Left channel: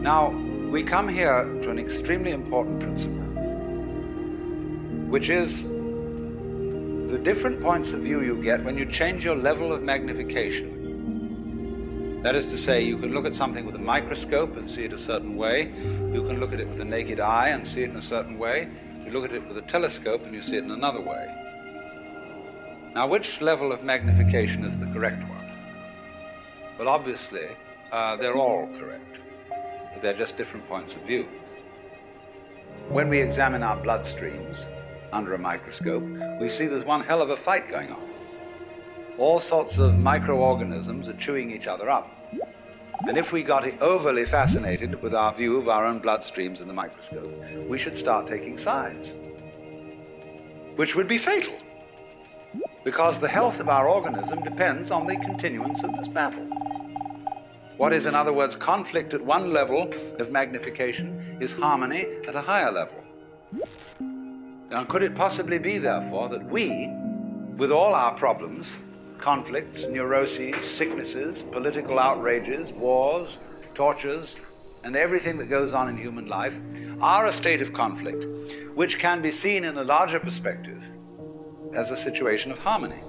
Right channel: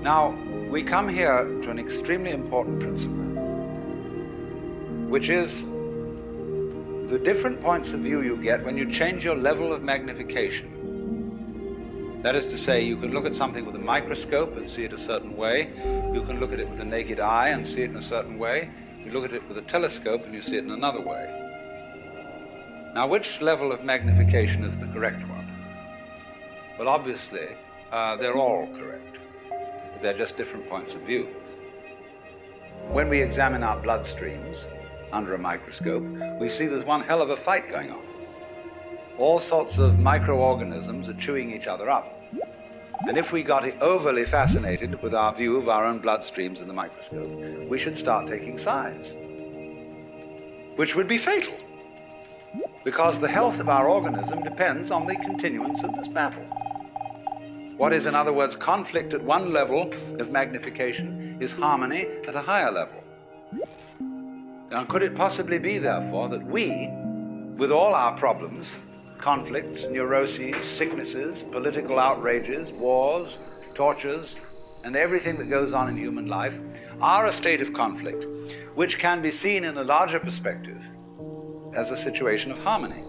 Now, we come here to an extremely important principle, which is the different points of view you get when you change your level of magnification. That is to say, you can look at something with a microscope and see it a certain way. You can look at it with the naked eye and see it in a certain way. You look at it with a telescope and you see it in another way. Now, which level of magnification is the correct one? Well, obviously, they're all correct, but they're just different points of view. When we examine our bloodstreams under a microscope, we see there's one hell of a fight going on. All sorts of microorganisms are chewing each other up. And if we got overly fascinated with our view of our own bloodstreams in the microscope, we should start taking sides, which would be fatal, because the health of our organism depends on the continuance of this battle. What is, in other words, conflict at one level of magnification is harmony at a higher level. Now, could it possibly be, therefore, that we, with all our problems, conflicts, neuroses, sicknesses, political outrages, wars, tortures, and everything that goes on in human life, are a state of conflict, which can be seen in a larger perspective as a situation of harmony?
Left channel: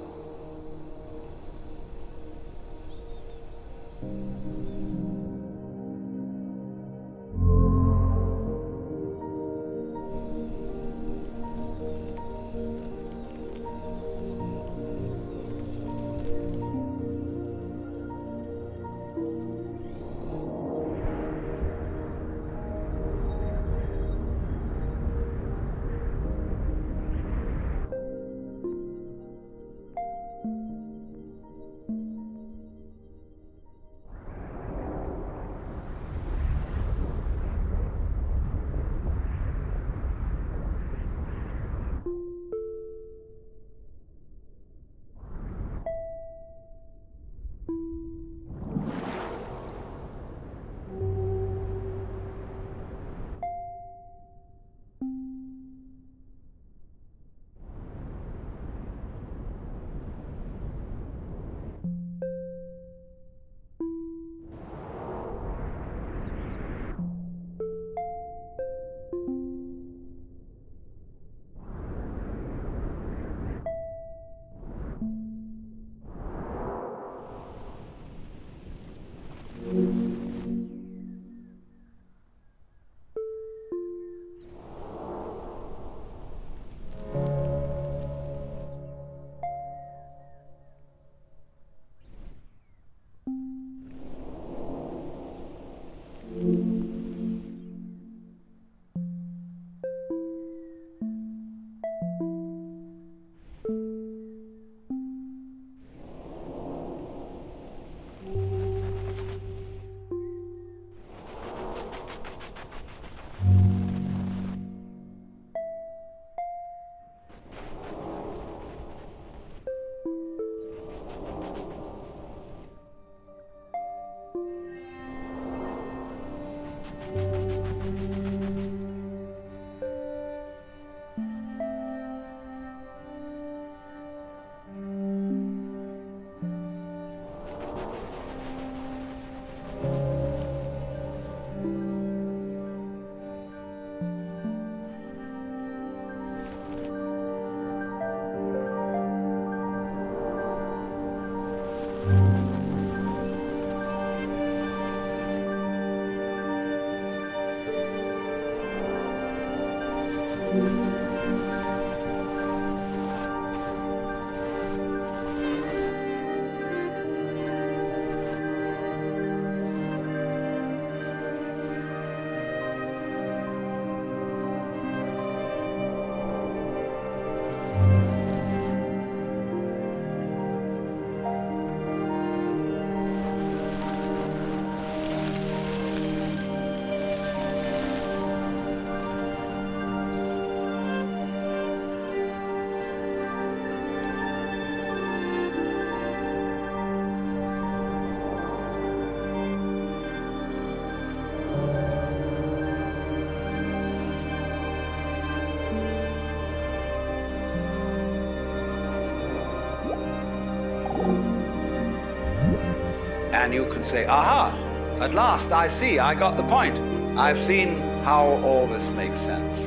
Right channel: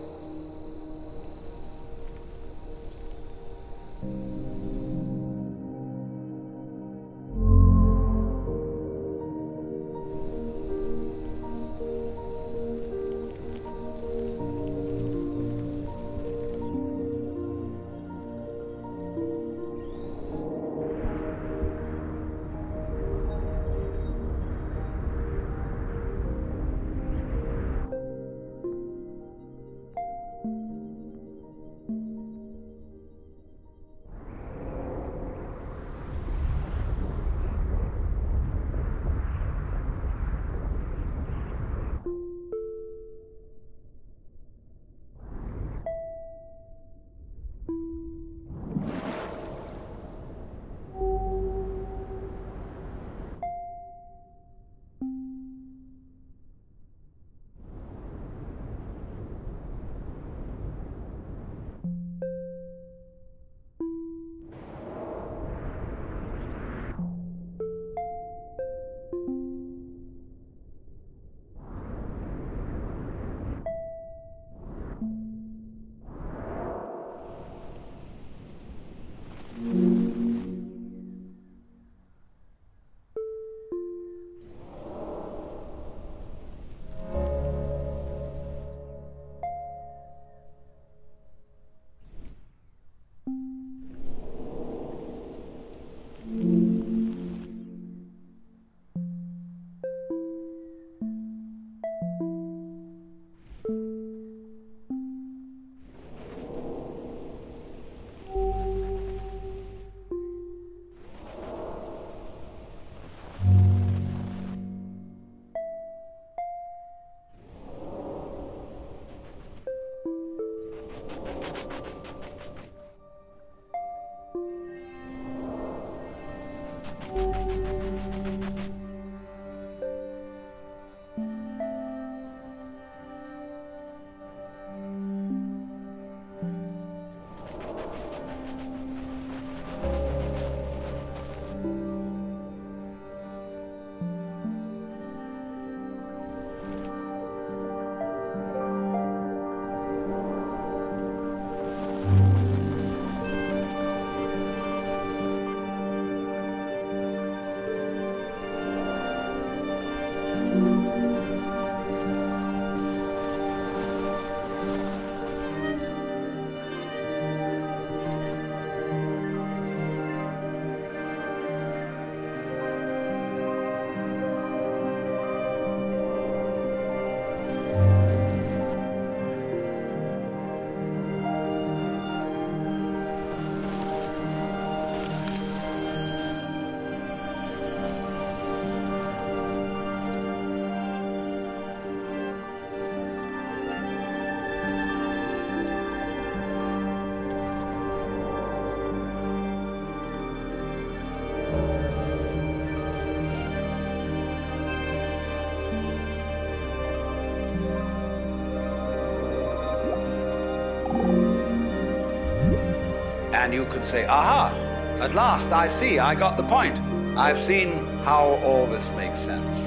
And you can say, aha, at last I see, I got the point. I've seen how all this makes sense.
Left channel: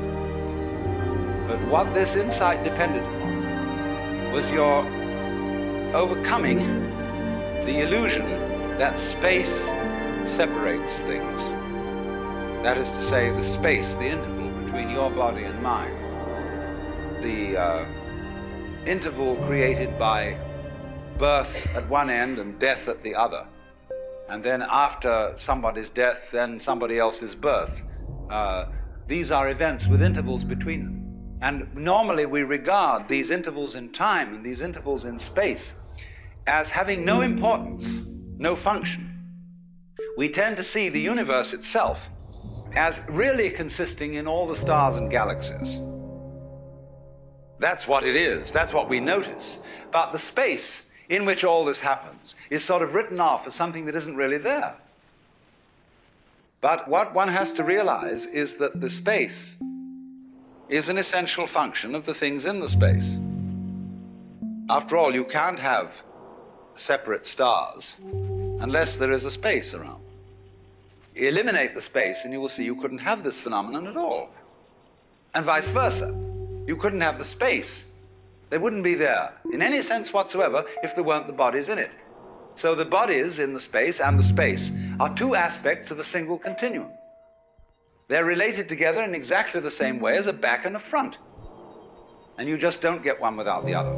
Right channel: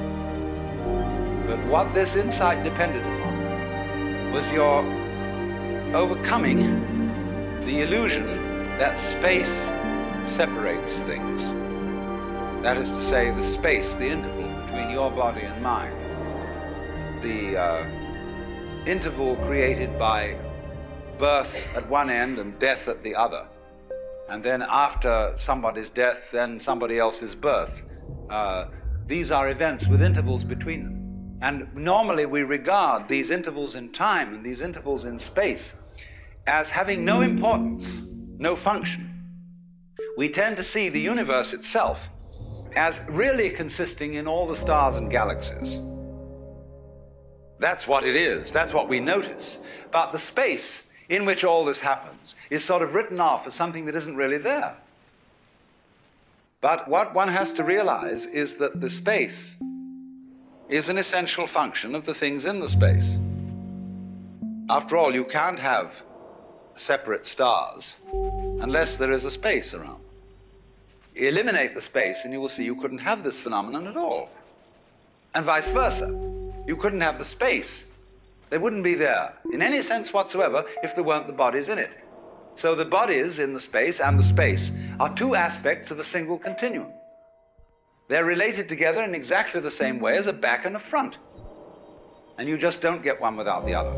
But what this insight depended upon was your overcoming the illusion that space separates things. That is to say, the space, the interval between your body and mine. The interval created by birth at one end and death at the other. And then after somebody's death, then somebody else's birth. These are events with intervals between them. And normally we regard these intervals in time and these intervals in space as having no importance, no function. We tend to see the universe itself as really consisting in all the stars and galaxies. That's what it is, that's what we notice. But the space in which all this happens is sort of written off as something that isn't really there. But what one has to realize is that the space is an essential function of the things in the space. After all, you can't have separate stars unless there is a space around them. Eliminate the space and you will see you couldn't have this phenomenon at all. And vice versa. You couldn't have the space. They wouldn't be there in any sense whatsoever if there weren't the bodies in it. So the bodies in the space and the space are two aspects of a single continuum. They're related together in exactly the same way as a back and a front. And you just don't get one without the other.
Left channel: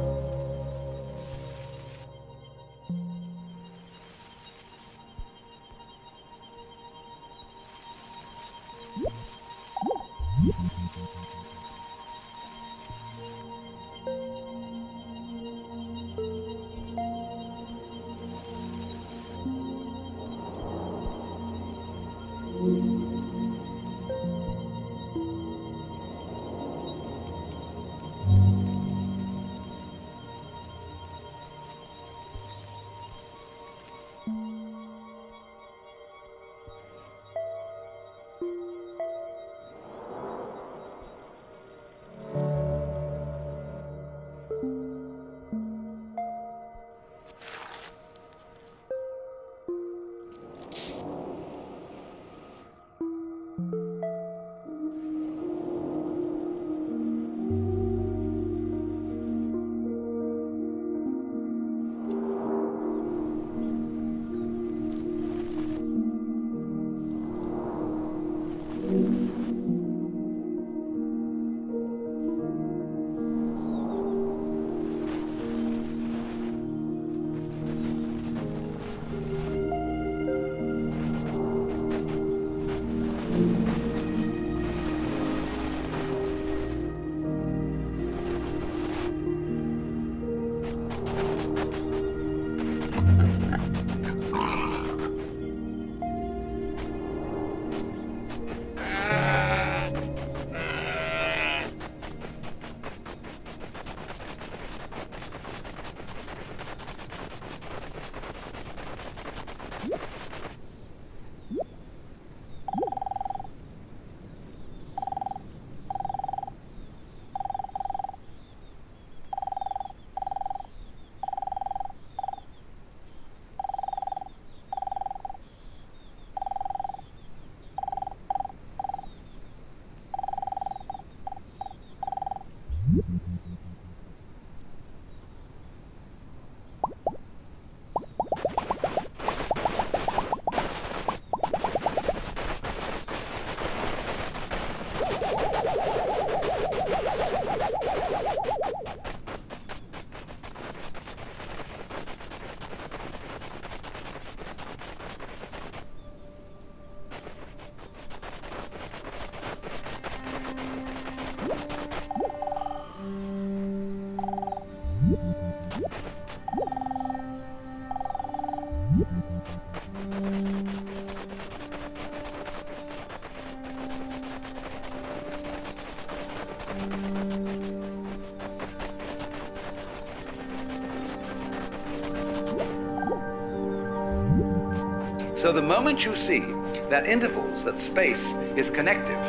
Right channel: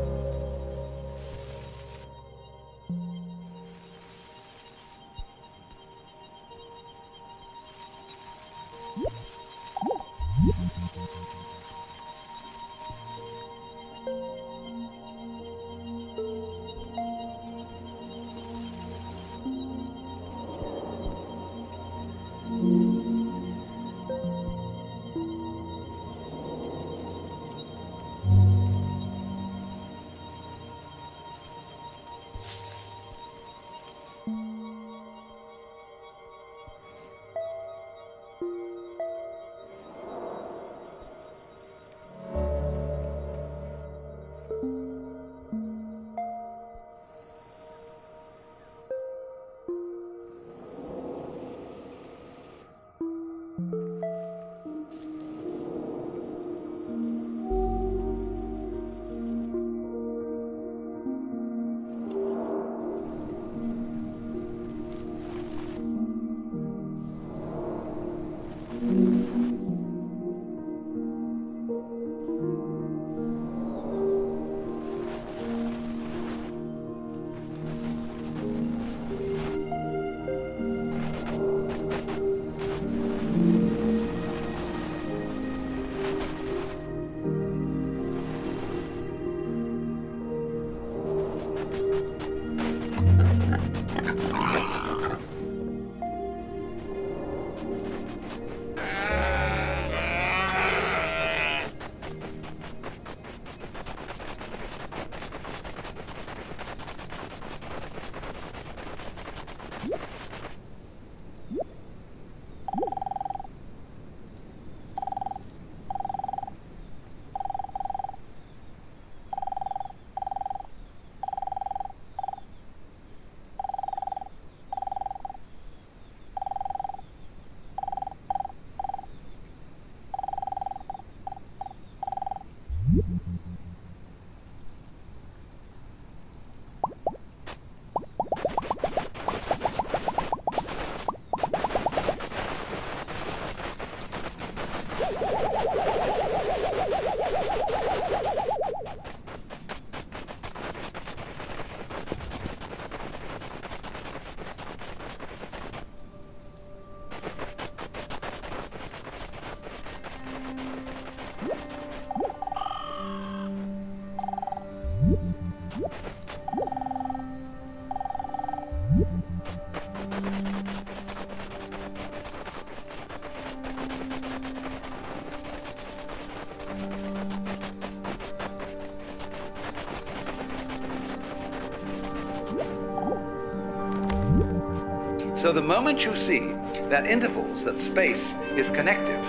So the moment you see that intervals, that space is connective,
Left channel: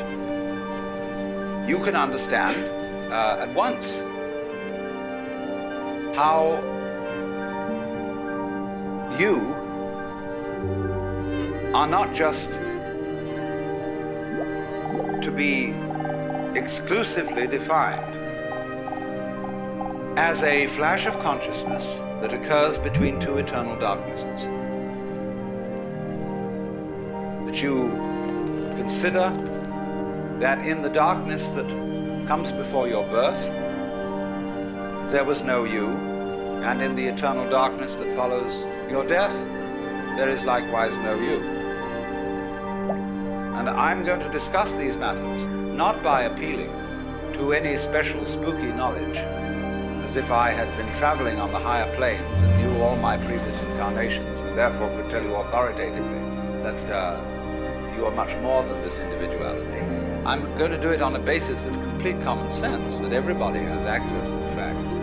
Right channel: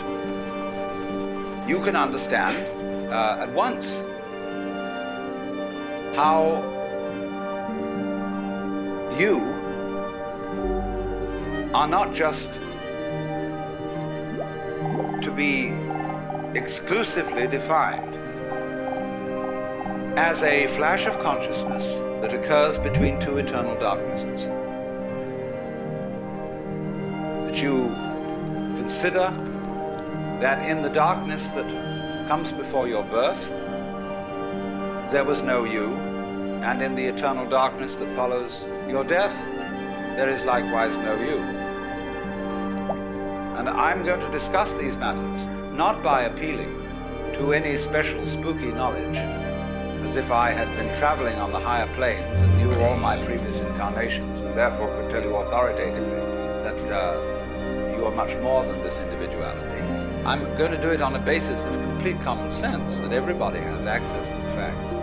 you can understand at once how you are not just to be exclusively defined as a flash of consciousness that occurs between two eternal darknesses. That you consider that in the darkness that comes before your birth, there was no you, and in the eternal darkness that follows your death, there is likewise no you. And I'm going to discuss these matters not by appealing to any special spooky knowledge, as if I had been traveling on the higher planes and knew all my previous incarnations and therefore could tell you authoritatively that you are much more than this individuality. I'm going to do it on a basis of complete common sense, that everybody has access to the facts.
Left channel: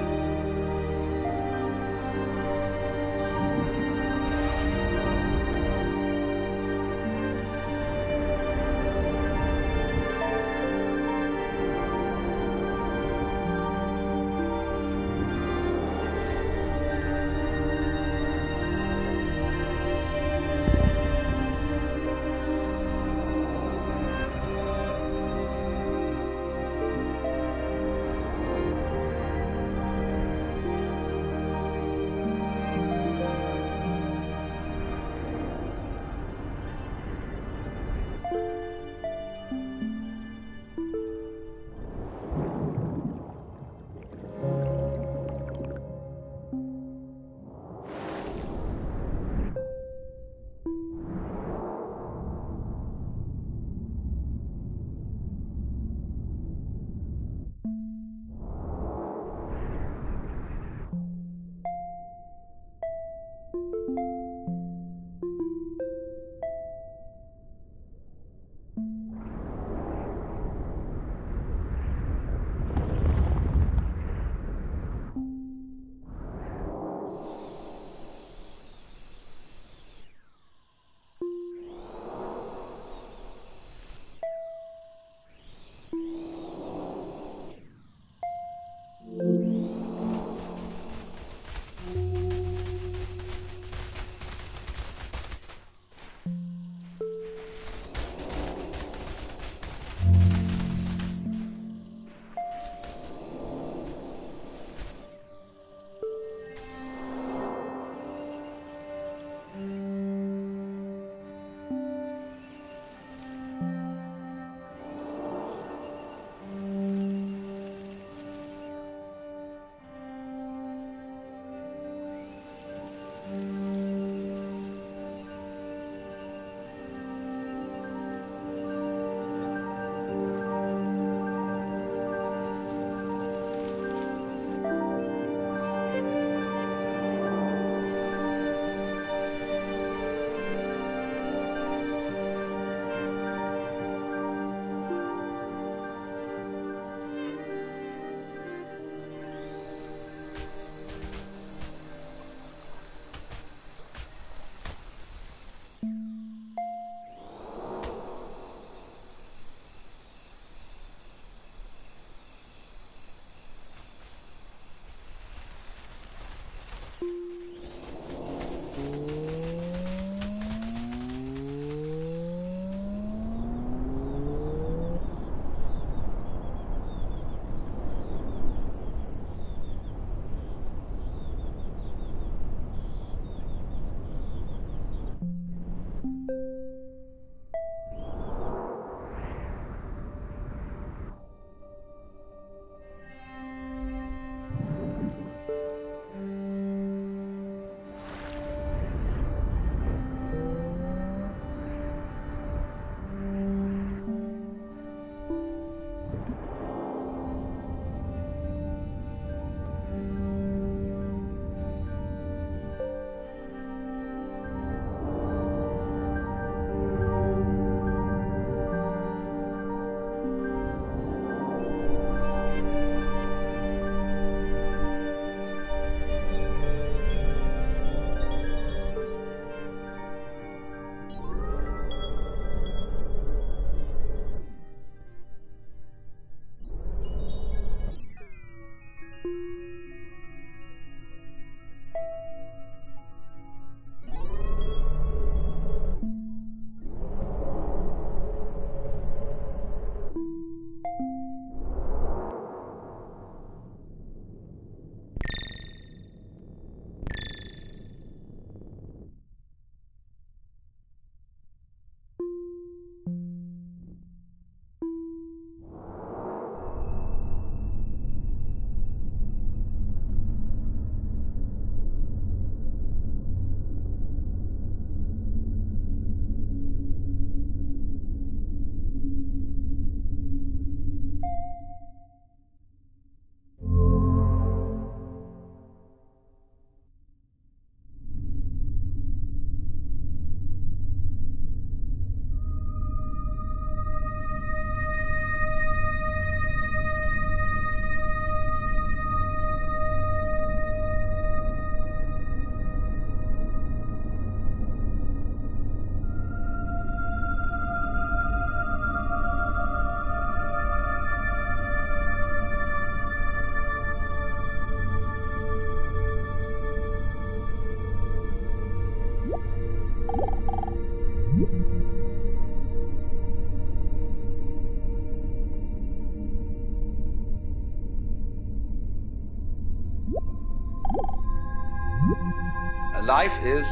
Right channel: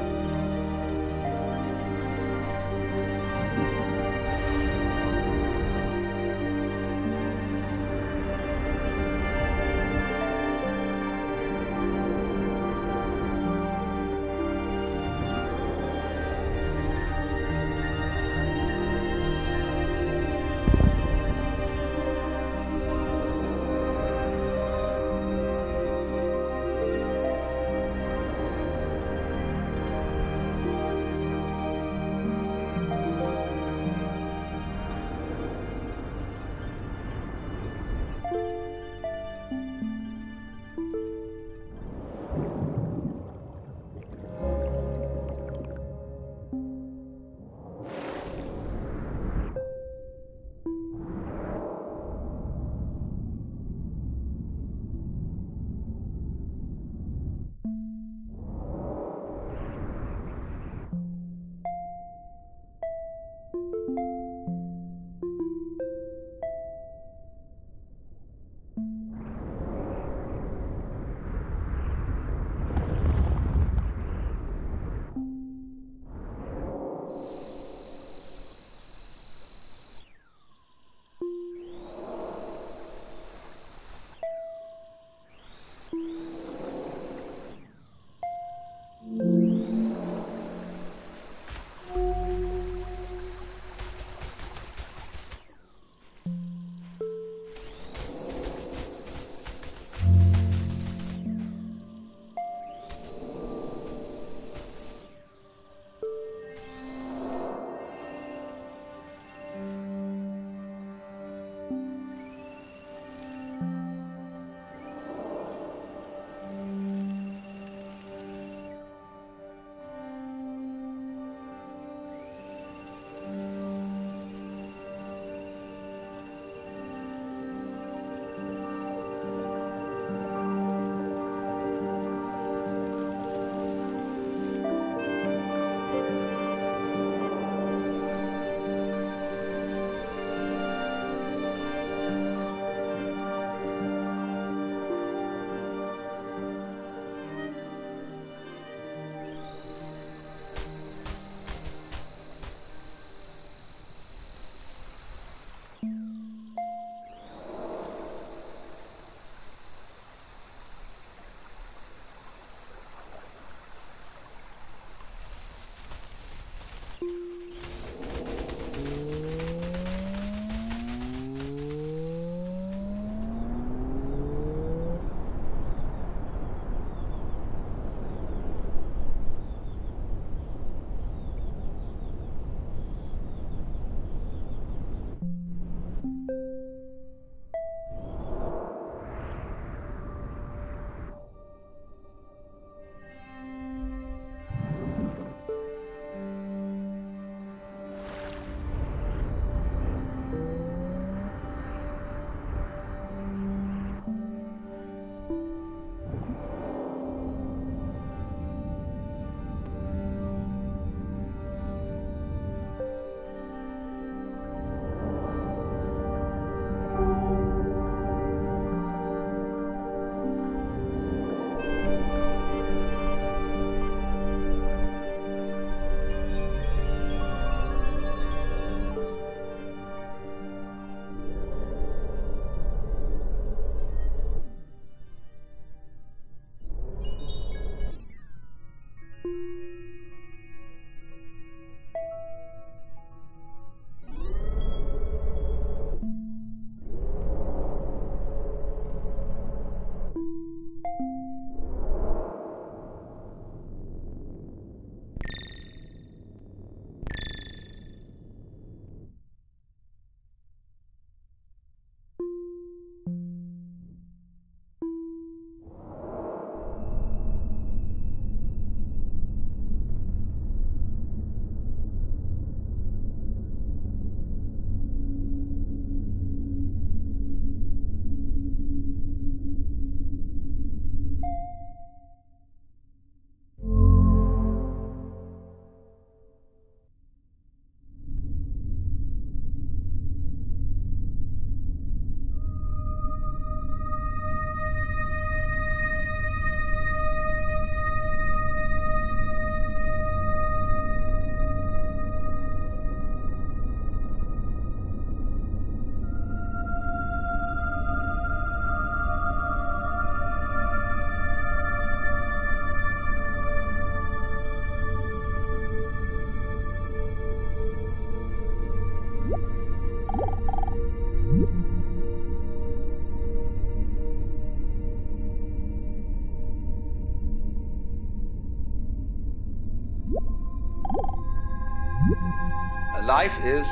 life is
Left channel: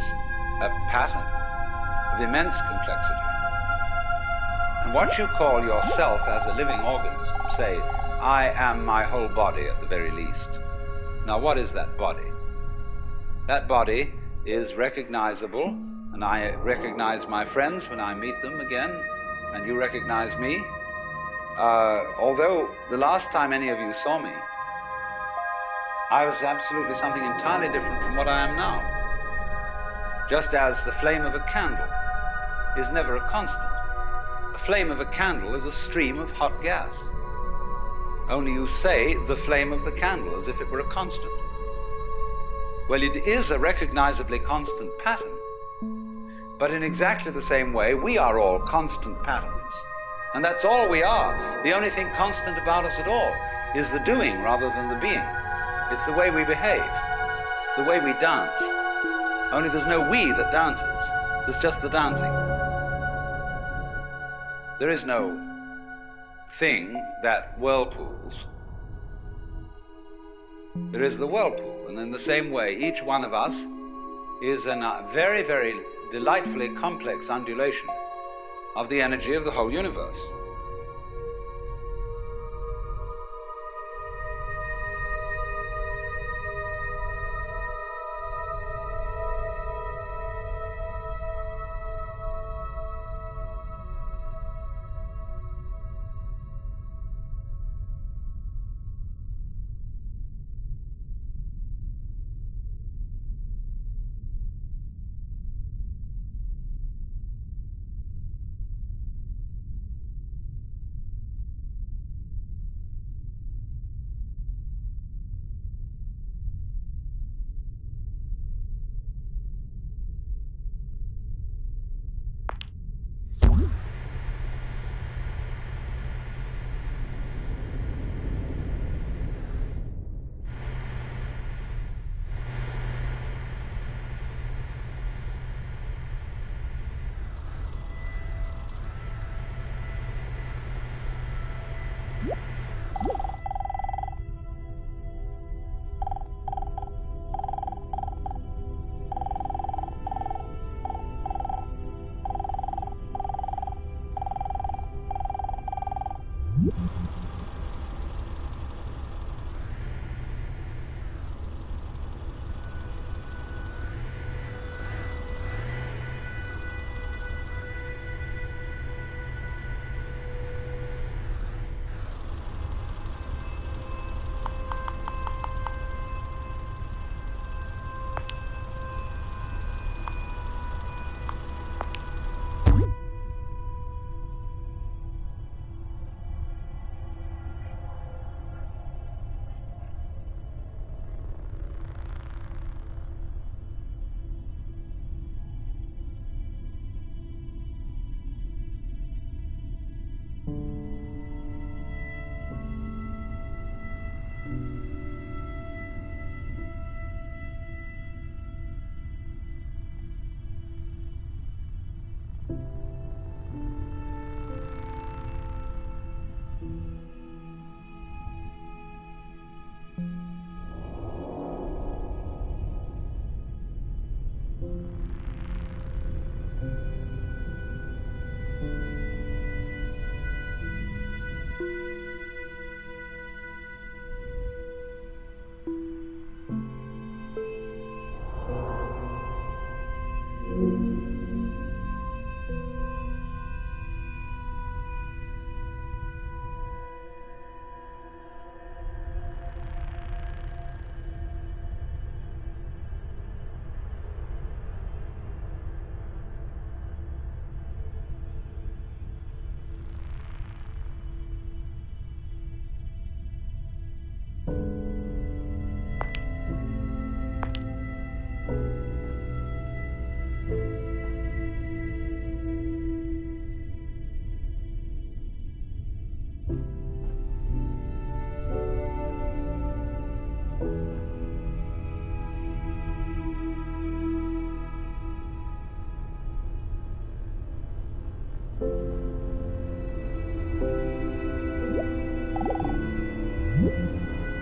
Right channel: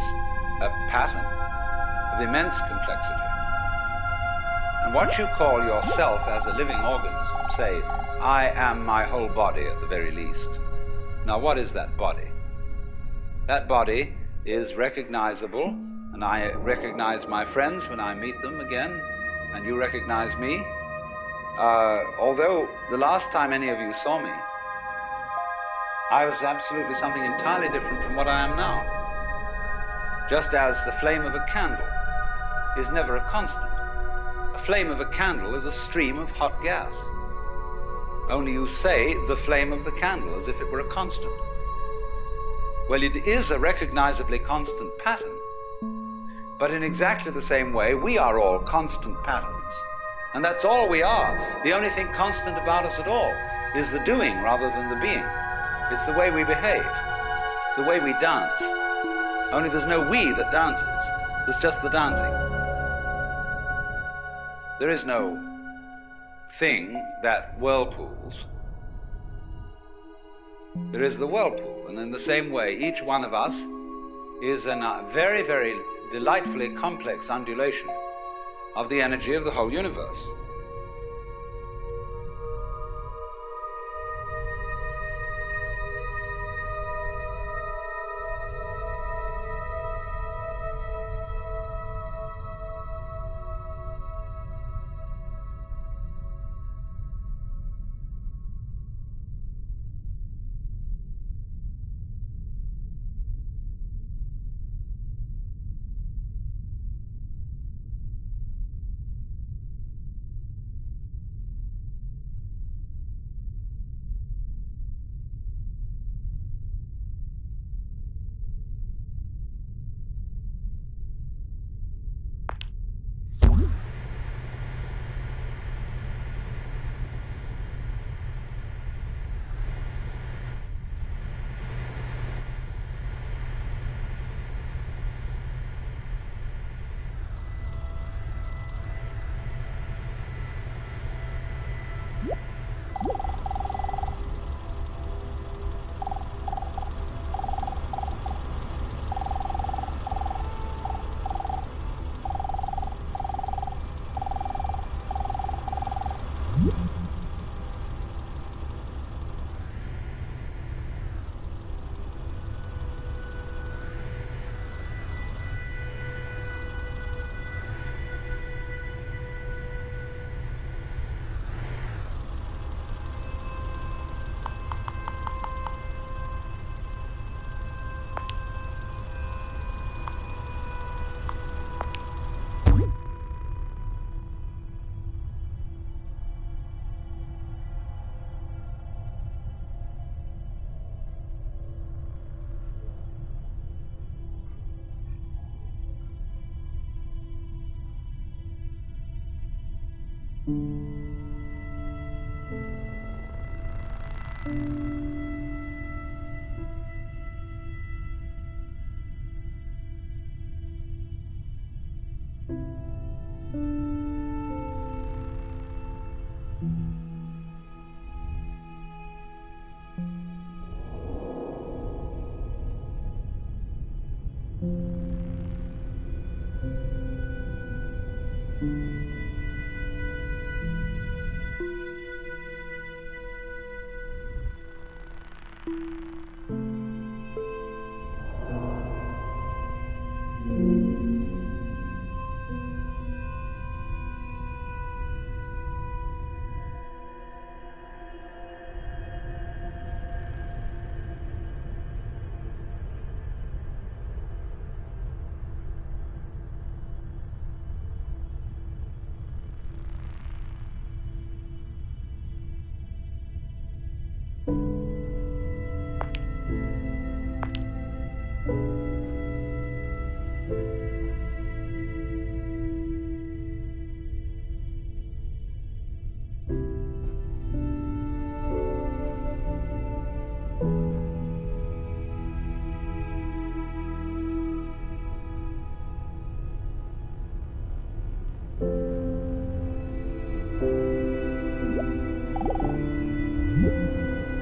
a pattern of immense complexity. And what you call yourself as a living organism, say, I am my whole body at the very least. Now, what is that body? That body is recognizable, and I recognize my friends when I meet them again, and you recognize me. Although the last time any of you saw me, I was absolutely something entirely different from what I am now. Just as the flame of a candle is never a constant. A flame of a candle is a stream of hot gas. Only you say the flame of the candle as if it were a constant. Well, it is a recognizably constant pattern, but in exactly the same way, we are all constant patterns. And that's all we are. The only thing constant about us at all is the doing rather than the being. It's the way we behave, the way we dance. Only there's no we that dances. There's just the dancing. There is no thing that whirlpools. There is the whirlpool. And in the same way, each one of us is a very, very delightfully complex undulation of the energy of the whole universe.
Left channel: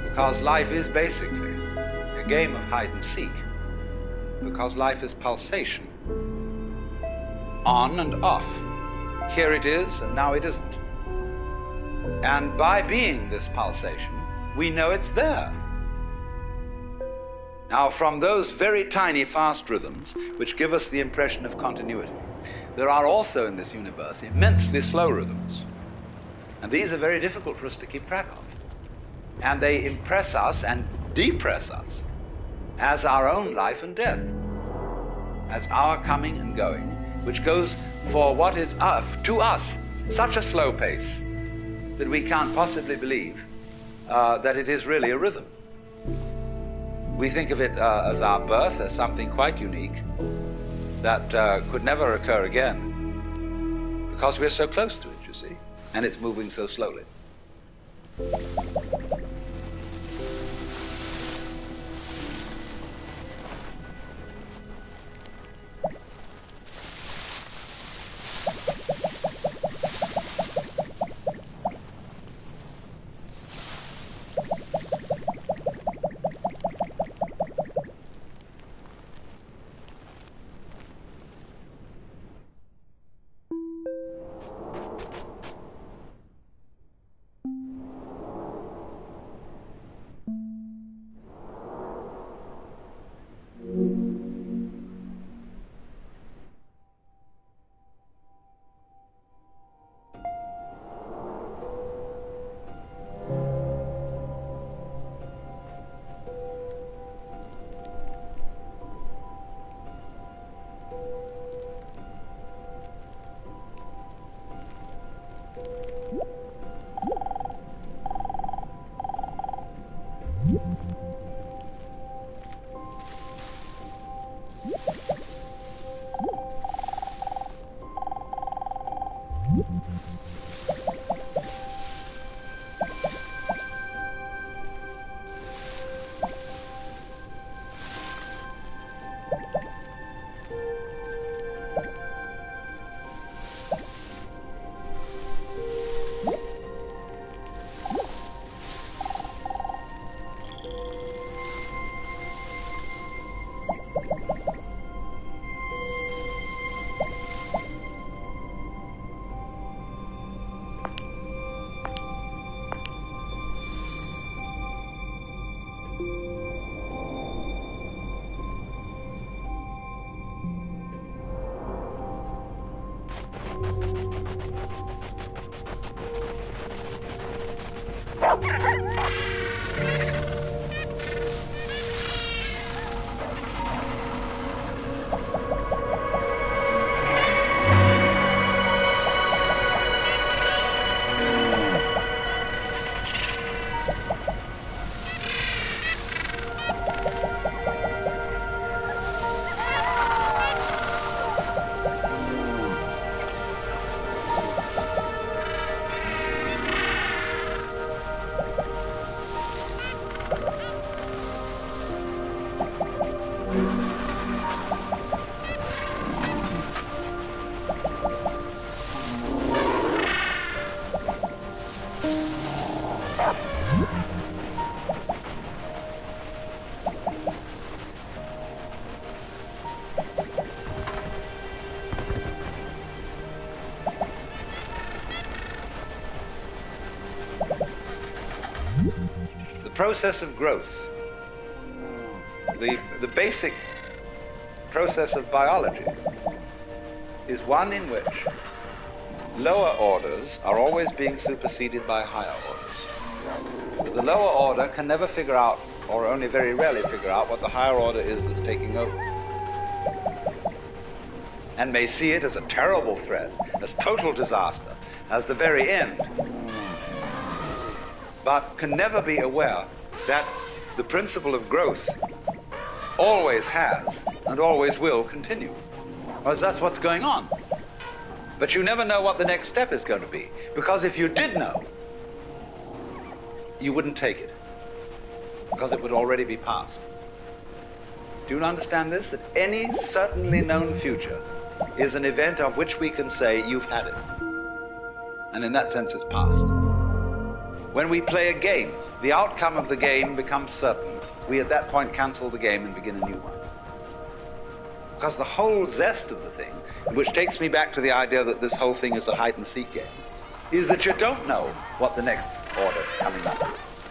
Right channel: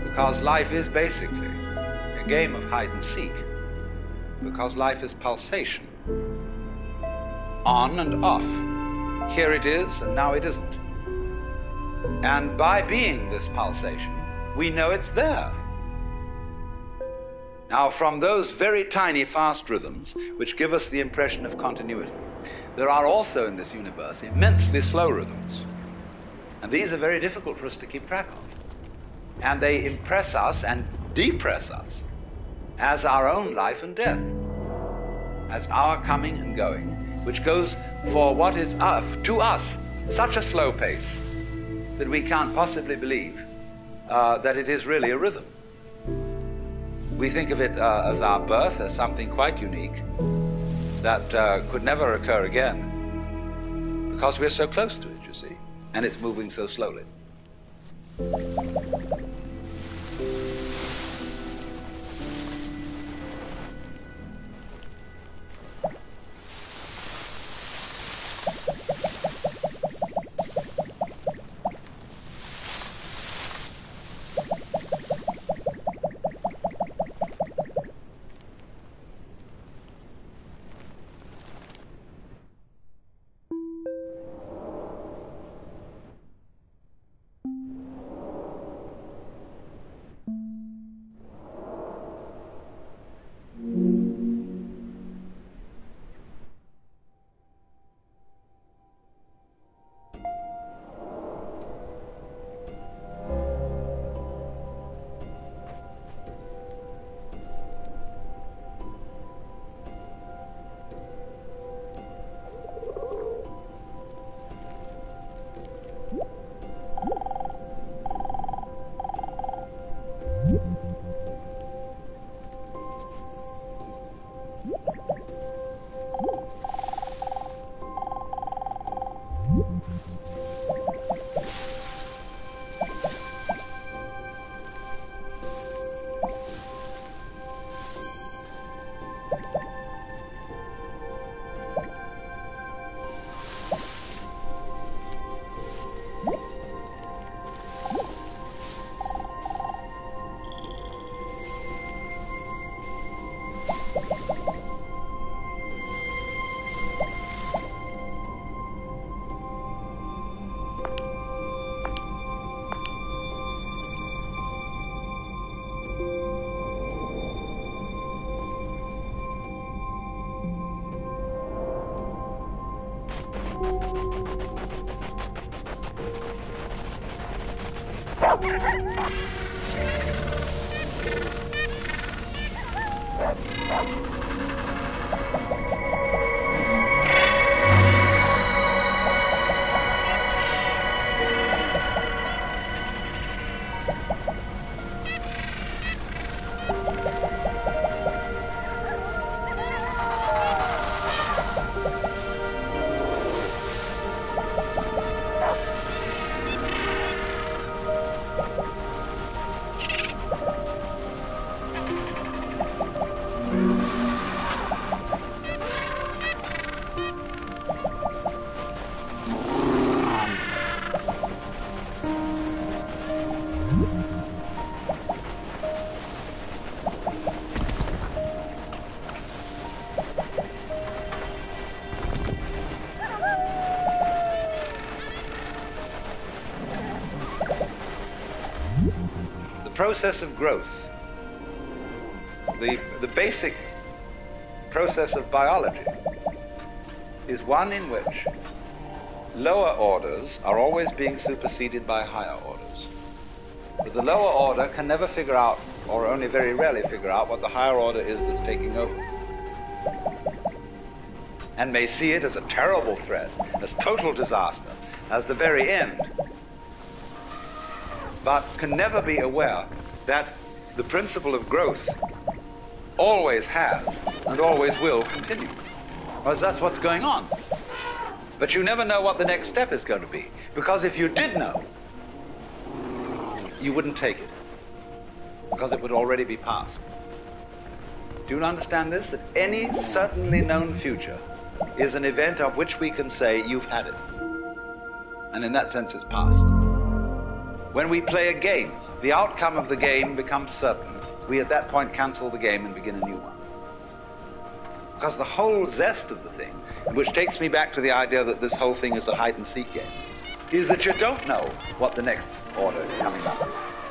Because life is basically a game of hide and seek. because life is pulsation. On and off. Here it is, and now it isn't. And by being this pulsation, we know it's there. Now, from those very tiny fast rhythms, which give us the impression of continuity, there are also in this universe immensely slow rhythms. And these are very difficult for us to keep track of. And they impress us and depress us as our own life and death, as our coming and going, which goes for what is to us such a slow pace that we can't possibly believe that it is really a rhythm. We think of it as our birth, as something quite unique that could never occur again because we're so close to it, you see, and it's moving so slowly. The process of growth, the basic process of biology, is one in which lower orders are always being superseded by higher orders. But the lower order can never figure out, or only very rarely figure out, what the higher order is that's taking over, and may see it as a terrible threat, as total disaster, as the very end, but can never be aware that the principle of growth always has and always will continue. Because that's what's going on. But you never know what the next step is going to be. Because if you did know, you wouldn't take it. Because it would already be past. Do you understand this? That any certainly known future is an event of which we can say, you've had it. And in that sense, it's past. When we play a game, the outcome of the game becomes certain. We at that point cancel the game and begin a new one. Because the whole zest of the thing, which takes me back to the idea that this whole thing is a hide-and-seek game, is that you don't know what the next order coming up is.